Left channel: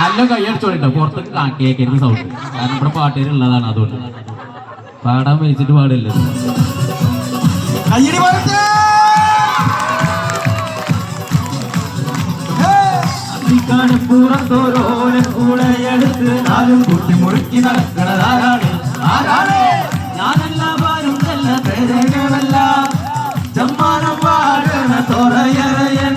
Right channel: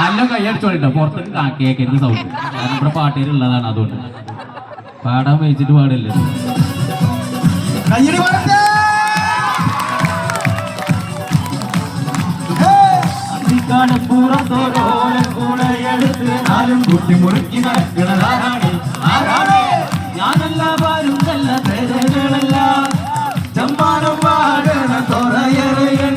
നല്ല കൈയടിച്ചോളിട്ടോ, പുറത്തേക്ക് കേൾക്കരുത് സൗണ്ട്. നമ്മുടെ പാട്ടേരുള്ളതാണ്, അതുകൊണ്ട് പാടാൻ വെച്ചിട്ട് പാടില്ല. പുറത്തോരോളെടുത്ത് നാലും കുട്ടി മുറുക്കി നടക്കണതാരാണ്? ഞാനല്ലാരും നല്ല പേരകളല്ല, ചമ്മാനം പാടണ തുറയറയൻ.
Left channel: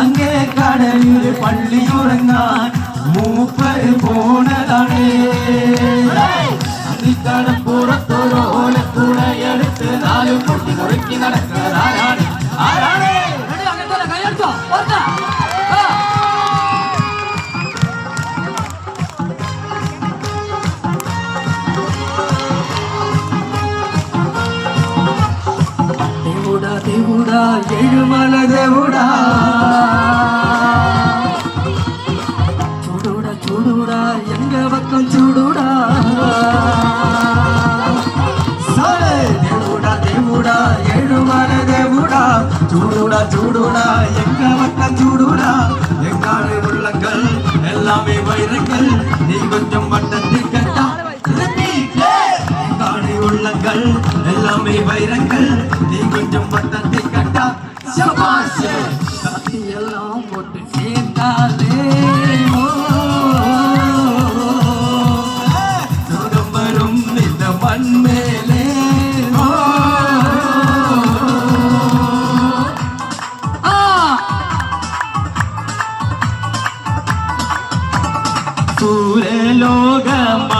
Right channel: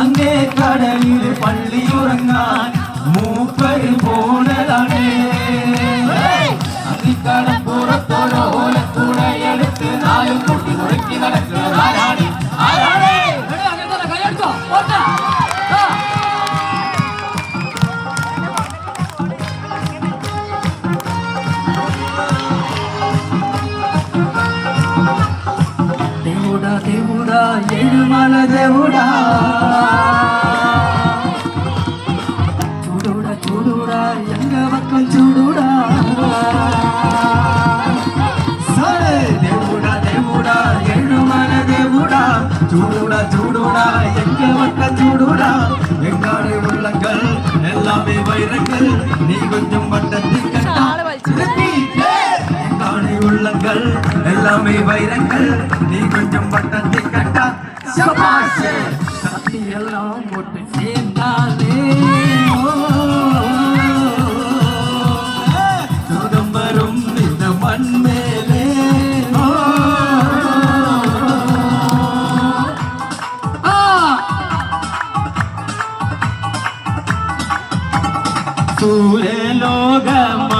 അങ്ങേ കടലിൽ പള്ളിയുറങ്ങാൻ മൂപ്പര് പോണതാണ്. അന്നിക്കടം പുറത്തോരോളെടുത്ത് നാലും കുട്ടി മുറുക്കി നടക്കണതാരാണ്? దేవుడా ఏడుమల దేవుడా, చూడుడా చూడుడా ఎంగ పక్కం చూడుడా. సరే దేవుడా దేవుడా ఏడుమల దేవుడా, చూడుడా చూడుడా ఎంగ పక్కం చూడుడా. எங்காடு உள்ளங்கள் எல்லாமே வைரங்கள், நீ கொஞ்சம் வட்டத்தில் கட்டா. எங்காடு உள்ளங்கள் எல்லாமே வைரங்கள், நீ கொஞ்சம் வட்டத்தில் கட்டா. சபாஷே சக்தி எல்லாம் போட்டு சேர்ந்தாலே சுகம் வரும் இந்த மண் மேலே.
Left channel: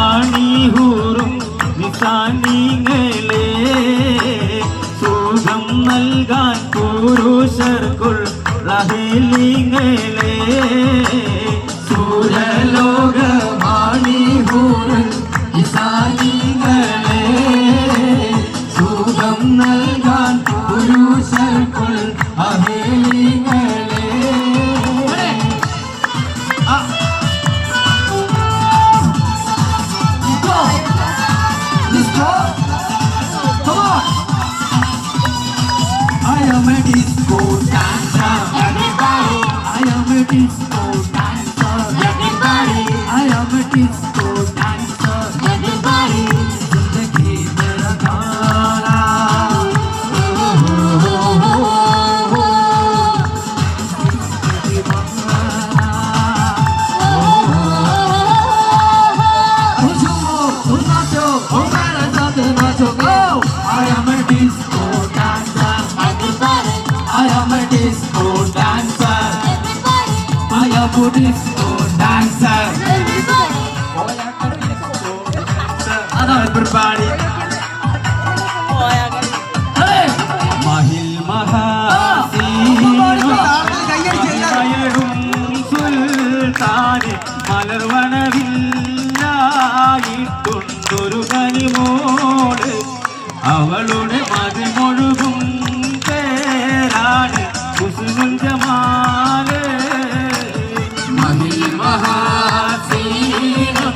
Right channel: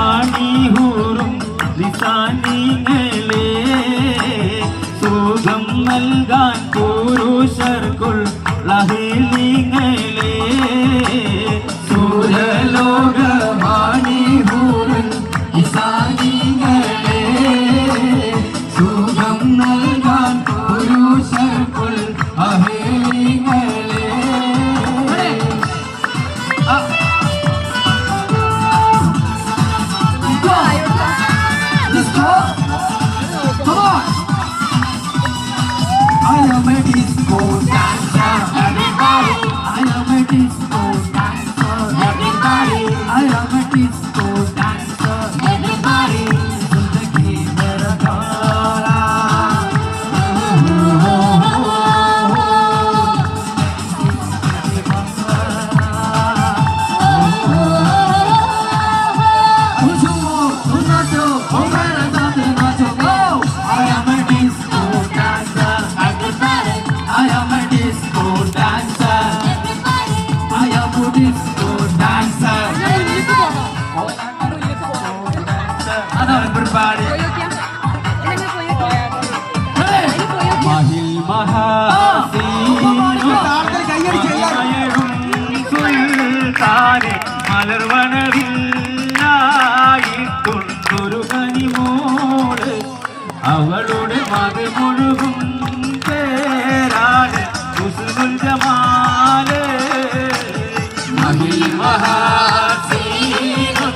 സൂര്യലോകമാണിഹൂറും നിസാനിങ്ങളെ സുഖം നൽകാൻ പുരുഷർക്കുൾ റഹിലിങ്ങളെ. സൂര്യലോകമാണിഹൂറും നിസാനിങ്ങളെ സുഖം നൽകാൻ പുരുഷർക്കുൾ റഹിലിങ്ങളെ. I am a disco dancer, everybody. I am a disco dancer, everybody. I am a disco dancer, everybody. Zindagi mera gaana, oh oh oh oh. Nacho, oh mera sath nacho, go. I am a disco dancer. I am a disco dancer. I am a disco dancer. Everybody. Mahil Mahaseen Sultane മലർവനവില്ലായിട്ടൊരു കനിമോട് അവളുടെ മതിമൊഴുകും പേരാണ് ഹുസ്നുൽ ജമാല്. മഹിൽ മഹാസീനം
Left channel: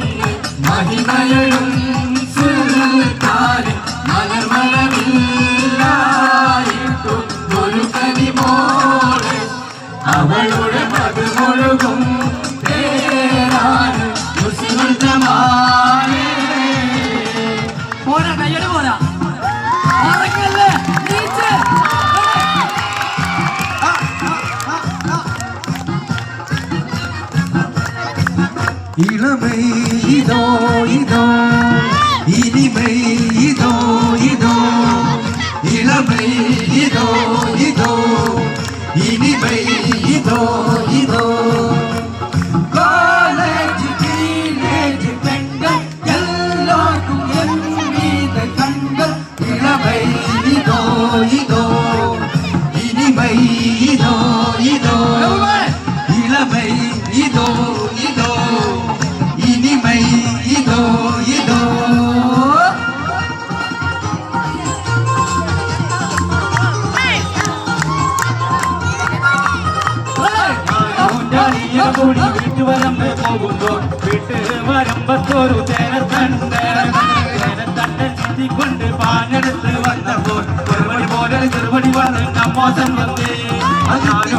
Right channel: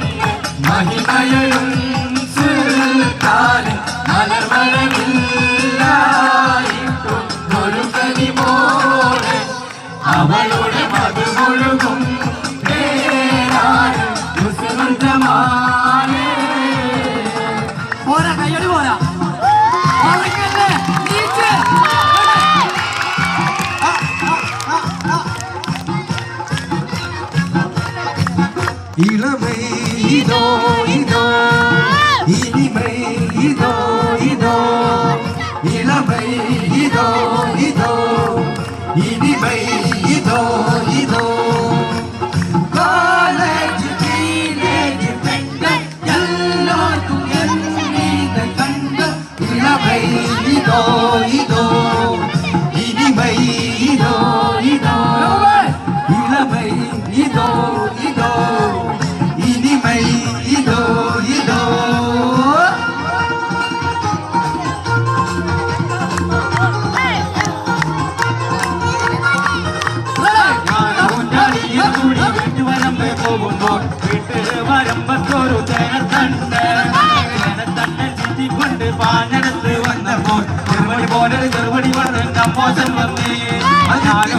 മഹിമയഴും സുൽത്താന് മലർവനവില്ലായിട്ടൊരു കനിമോട് അവളുടെ മതിമൊഴുകും പേരാണ് ഹുസ്നുൽ ജമാല്. പോരാ കയ്യടി പോരാ. இளமை இதோ இதோ, இனிமை இதோ இதோ. இளமை இதோ இதோ, இனிமை இதோ இதோ. காலேஜ் டீனேஜ் பெண்கள் எல்லாருக்கும் என் மீது கண்கள். இளமை இதோ இதோ, இனிமை இதோ இதோ. இளமை இதோ இதோ, இனிமை இதோ இதோ. കൂടി വീട്ടുവരമ്പ് പോകുമ്പോൾ വീട്ട് വരമ്പത്തൊരു തേനത്തണ്ടൻ ചുറ്റിക്കൊണ്ട് പാഞ്ഞെടുത്ത് വന്നപ്പോൾ ചെറുപടി പോലെ ചെറുപടി വന്ന് മോശം വന്നേ.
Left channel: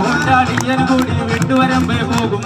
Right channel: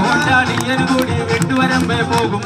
കൊണ്ടാടിയൻ കൂടി വീട്ടുവരമ്പ് പോകുമ്പോൾ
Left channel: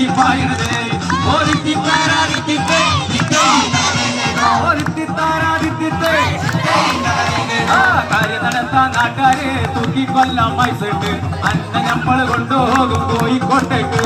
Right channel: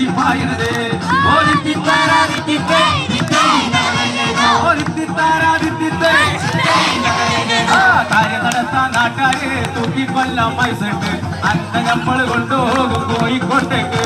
തൂക്കി പായണത് ഒരുത്തി താരാദിത്യത്തെ ഒരുത്തി താരാദിത്യത്തെ കാര്യം നടത്താൻ നാട്ടാരെ തൂക്കി കൊല്ലാൻ പൈസ ഉണ്ട് അന്ന നമ്മൾ കൊണ്ടുപോകും കോഴിക്കോട്ടേക്ക്